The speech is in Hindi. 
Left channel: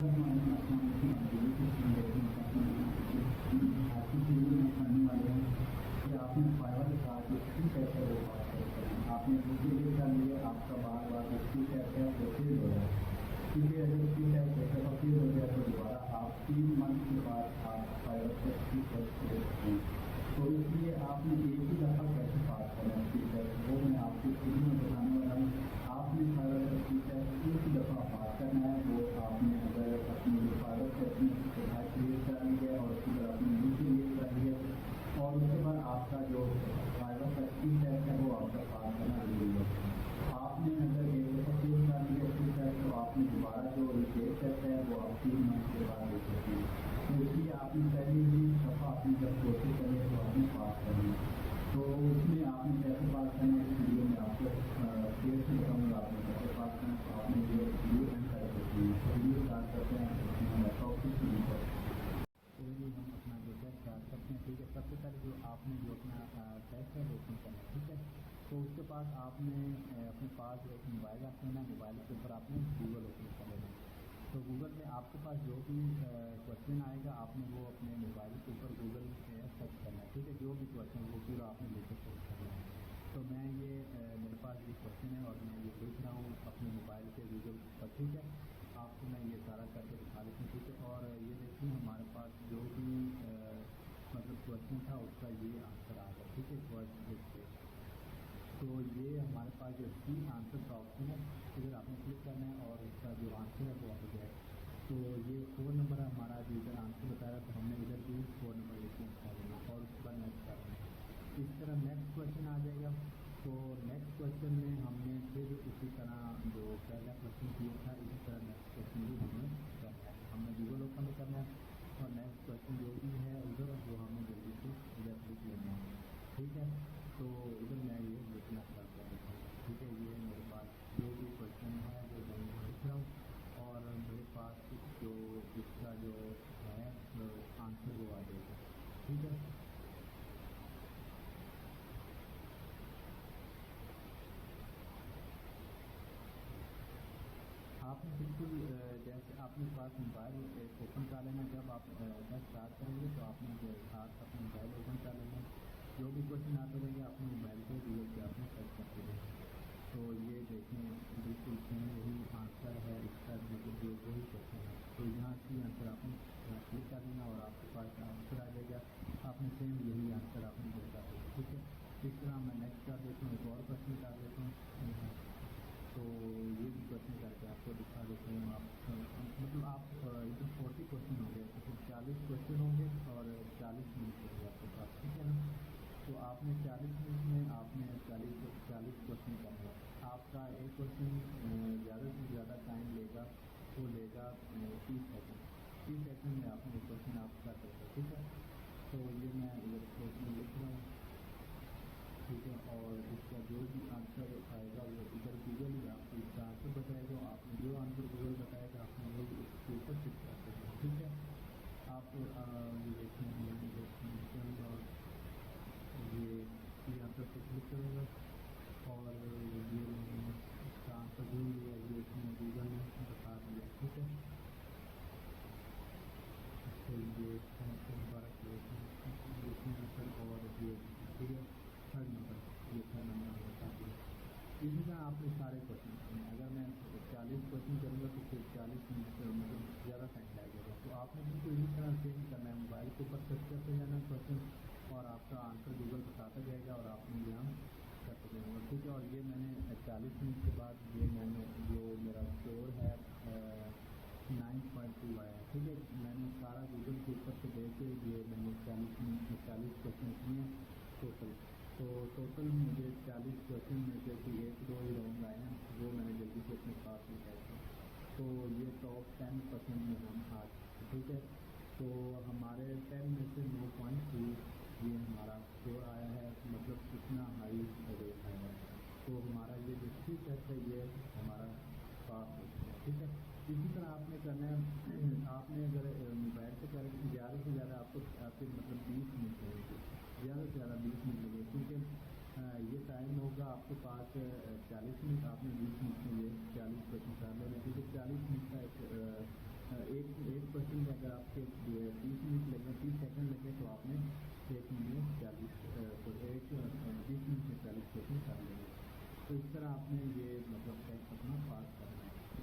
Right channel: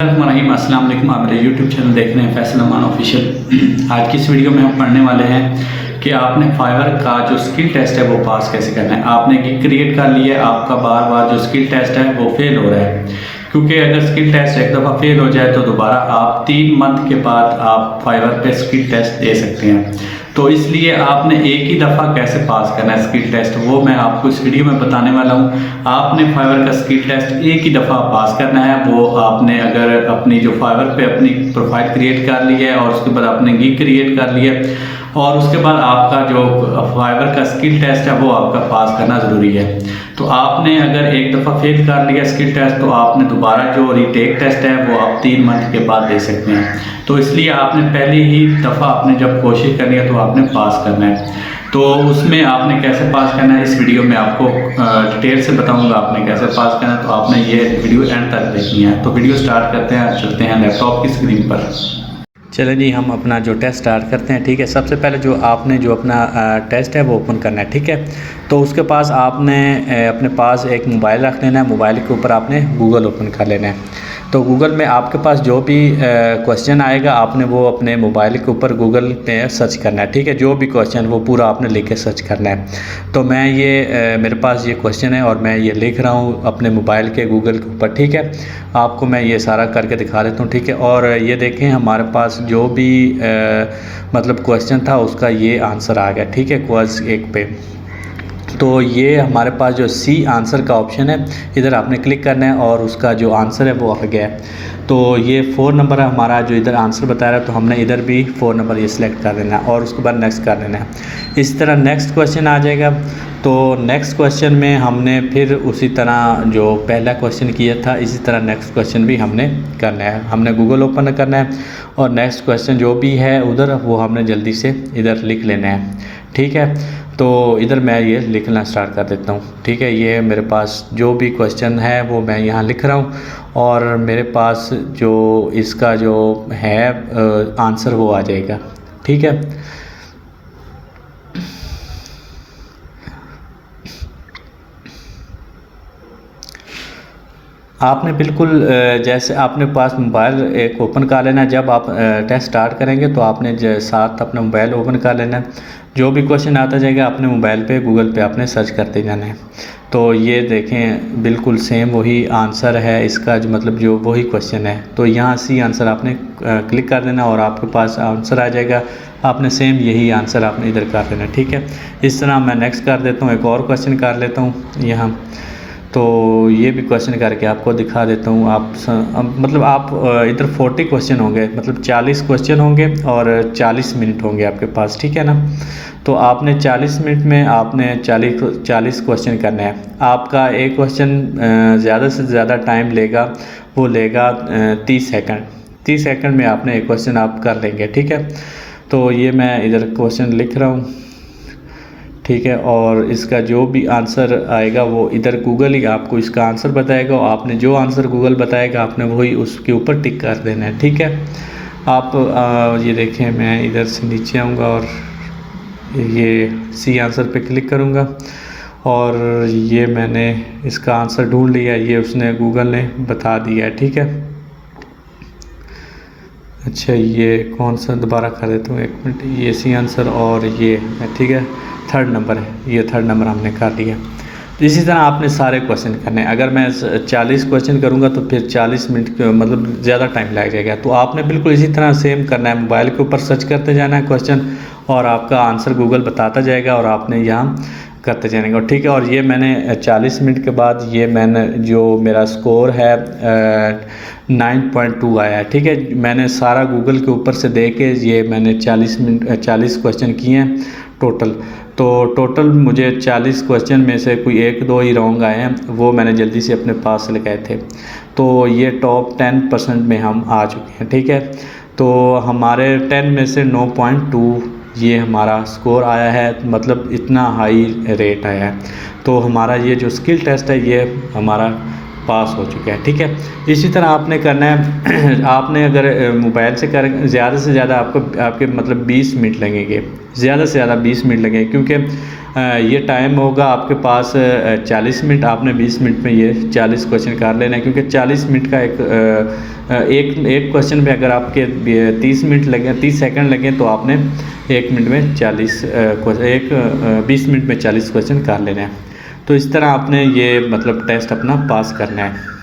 रहीम अस्सलाम वालेकुम। आप मेरे यूट्यूब चैनल देख रहे हैं फैसल अमान ऑफिशियल। आज की इस वीडियो में हम पढ़ने वाले हैं कि आपने फाइवर का जो स्किल टेस्ट है वो पास कैसे करना है। आपने गिग क्रिएट कर लिया है, आपका बार बार जो स्किल टेस्ट है वो फेल हो रहा है, क्योंकि अगर स्किल टेस्ट एक दफ़ा फेल हो जाए तो दोबारा आप 3 मंथ के बाद आप फाइवर पे स्किल टेस्ट दे सकते हैं। तो इसलिए आपने एक ही दफ़ा कैसे पास करना है स्किल टेस्ट, वो मैं आपको इस वीडियो में बताने वाला हूँ। आपने फाइवर का स्किल टेस्ट एक ही दफ़ा पास करना है। वो आपने अगर अपनी जो फाइवर पे अपनी प्रोफाइल क्रिएट कर ली है और उसके बाद आपने गिग क्रिएट कर लिया और उसके बाद आपका जो फाइवर का स्किल टेस्ट है वो आपका पास करना ज़रूरी है। तो आपने अगर एक दफ़ा फेल कर लिया स्किल टेस्ट तो आपने दोबारा जो रीटेक टेस्ट है वो आप 3 मंथ के बाद दे सकते हैं। तो इसलिए आपने पहली ही दफ़ा आपने जब कोशिश करनी है तो आपने पास करना है। तो उसमें आपने कैसे पास करना है इस वीडियो में आपको डिटेल से बताऊंगा आपने कैसे पास करना है। तो आपने ये वीडियो एंड तक देखनी है। तो वीडियो स्टार्ट करते हैं, चलते हैं लैपटॉप की स्क्रीन पर। चलें जी, हम अपना जो टेस्ट स्टार्ट करते हैं। ठीक है, सबसे पहले जो आपने जो अपना टेस्ट है वो ओपन करना है। ठीक है, तो उसके पास आपने अपने पास एक मोबाइल रख लेना है। मोबाइल के ऊपर आपने गूगल ओपन कर लेना है। तो गूगल में आपके पास जो भी क्वेश्चन आएगा आपने वो अपने मोबाइल के ऊपर गूगल पे सर्च करना है। ठीक है, जो भी क्वेश्चन वो पूरा आपने लिख के सर्च करना है। तो मैं ये मेरे पास ये क्वेश्चन है और मैं ये लिख रहा हूँ अपने मोबाइल के गूगल के ऊपर। ठीक है, आपको मैं ये सारा करके दिखा देता हूँ। ठीक है, और ये देखें हमारे पास जो भी मतलब क्वेश्चन था उसका ये आंसर आ गया। ठीक है, क्वेश्चन 1 पे तो ये हमारे पास जो सी आंसर का ऑप्शन है इधर आपने क्लिक करना है और उसका जो आंसर है वो आ गया है। तो ये 4 नंबर है हमारा जो इधर आंसर बता रहा है, तो हमने इधर भी 4 नंबर ये सिलेक्ट कर देना है और उसके बाद नेक्स्ट कर देना है। इसी तरह नेक्स्ट क्वेश्चन आ जाएगा। तो नेक्स्ट क्वेश्चन में हमने फिर उसी तरह जो पहला क्वेश्चन किया था इसी तरह नेक्स्ट क्वेश्चन भी हमने करना है। हमने गूगल ओपन करना है और नेक्स्ट क्वेश्चन जो भी है उधर वो हमने जल्दी से इधर लिख लेना है। ठीक है, तो इधर मैं ये लिखना स्टार्ट कर देता हूँ। ठीक है, ये मेरे पास जो भी क्वेश्चन है वो मैं यहाँ लिख रहा हूँ और मेरे पास जो इसका जो है आंसर वो आ जाएगा। ठीक है, आपने बिल्कुल जैसे आपने पास मोबाइल एक ओपन कर लेना है। जब आप टेस्ट स्टार्ट करेंगे तो आपने साथ अपना मोबाइल ओपन कर लेना है। जो भी क्वेश्चन आता जाएगा अपने मोबाइल पे गूगल पे आपने सर्च करते जाना है। तो ये देखें बिल्कुल सेम वही आंसर है इसका, जो मतलब जो वही क्वेश्चन है। तो यहाँ सी आंसर आपने क्लिक कर देना और आपके पास आंसर आ जाएगा। आपने सेम यही आंसर आपने इधर कर देना। ठीक है, इस तरह मैं नेक्स्ट कर देता हूँ, एक और क्वेश्चन कर लेता हूँ यहाँ। तो ये भी क्वेश्चन करके आपको दिखा देता हूँ। मतलब आप इधर 40 क्वेश्चन होंगे, मतलब 40 क्वेश्चन होंगे और 40 मिनट होंगे आपके पास। ठीक है ना, तो आपने 40 मिनट में आपने 40 क्वेश्चन करना है। आपका एक क्वेश्चन ज़्यादा से ज़्यादा टाइम लेगा, वो लेगा 30 सेकंड। 30 सेकंड में आपने एक क्वेश्चन आप कर लेंगे। ठीक है, तो ये मैं इधर क्वेश्चन लिख रहा हूँ। ठीक है, और इसका जो भी आंसर आएगा वो इधर गूगल ही आपको इसका आंसर बताएगा और आपने जो आंसर गूगल बताएगा आपने वही उसके ऊपर टिक कर देना है। ठीक है, आप ये देखें मैं इधर से नीचे आऊँगा और ये सी आंसर पे क्लिक करूँगा और ये मैंने इसका आंसर ढूंढ लिया, ये उसने गूगल ने बता दिया है। ठीक है, अच्छा ये कौन सा दोबारा कर देता हूँ, 1 मिनट। ये सी आंसर और ये ठीक है 3rd नंबर है, ये 3rd नंबर हमने कर लिया। तो इसी तरह आपने सारे क्वेश्चन करने हैं। अगर मैं 40 क्वेश्चन करूँगा तो फिर 40 मिनट मतलब ज़्यादा टाइम लग जाएगा। तो आपने बिल्कुल इसी तरह सेम करना है, मोबाइल के ऊपर सर्च करते जाना है क्वेश्चन और आपका आंसर गूगल बताता जाएगा और आपने यहाँ करते जाएंगे। और ठीक है, और ये मैंने 40 मिनट के बाद ये मैंने जो मेरा स्कोर है 9.2 आया है। ठीक है, मैंने सारा गूगल के ऊपर से देख के ये मैंने 40 क्वेश्चन किए हैं टोटल। तो टोटल मुझे 40 क्वेश्चन में से कोई 1-2 ही रॉन्ग आए हैं, वो मैंने जल्दी से अपने पास लगाए थे। तो ये टॉप 10% में हम आ चुके हैं। ठीक है, तो हमारे 10 में से 9.2 ये हमारा स्कोर आया है, मतलब इतना हाई रेट आया है। तो हमारा ये जो स्किल टेस्ट है ये हमारा पास हो चुका है। ठीक है, इसी तरह आपने करना है। आपने अगर मोबाइल से कर ज़्यादा से ज़्यादा आपके मतलब 20 मिनट लगेंगे, ज़्यादा से ज़्यादा 20 मिनट लगेंगे, क्योंकि ये टाइम होगा आपके पास 40 मिनट। आपने 20 मिनट में ये 40 क्वेश्चन कर लेना है, क्योंकि 40 मिनट का एक एक क्वेश्चन में अगर आपके 30 मिनट लगे, 30 सेकंड लगे, तो आपने 1 मिनट में 20 मिनट में 40 क्वेश्चन कर लेने हैं। तो इस तरह आपने ये मतलब टेस्ट अपना पास करना है।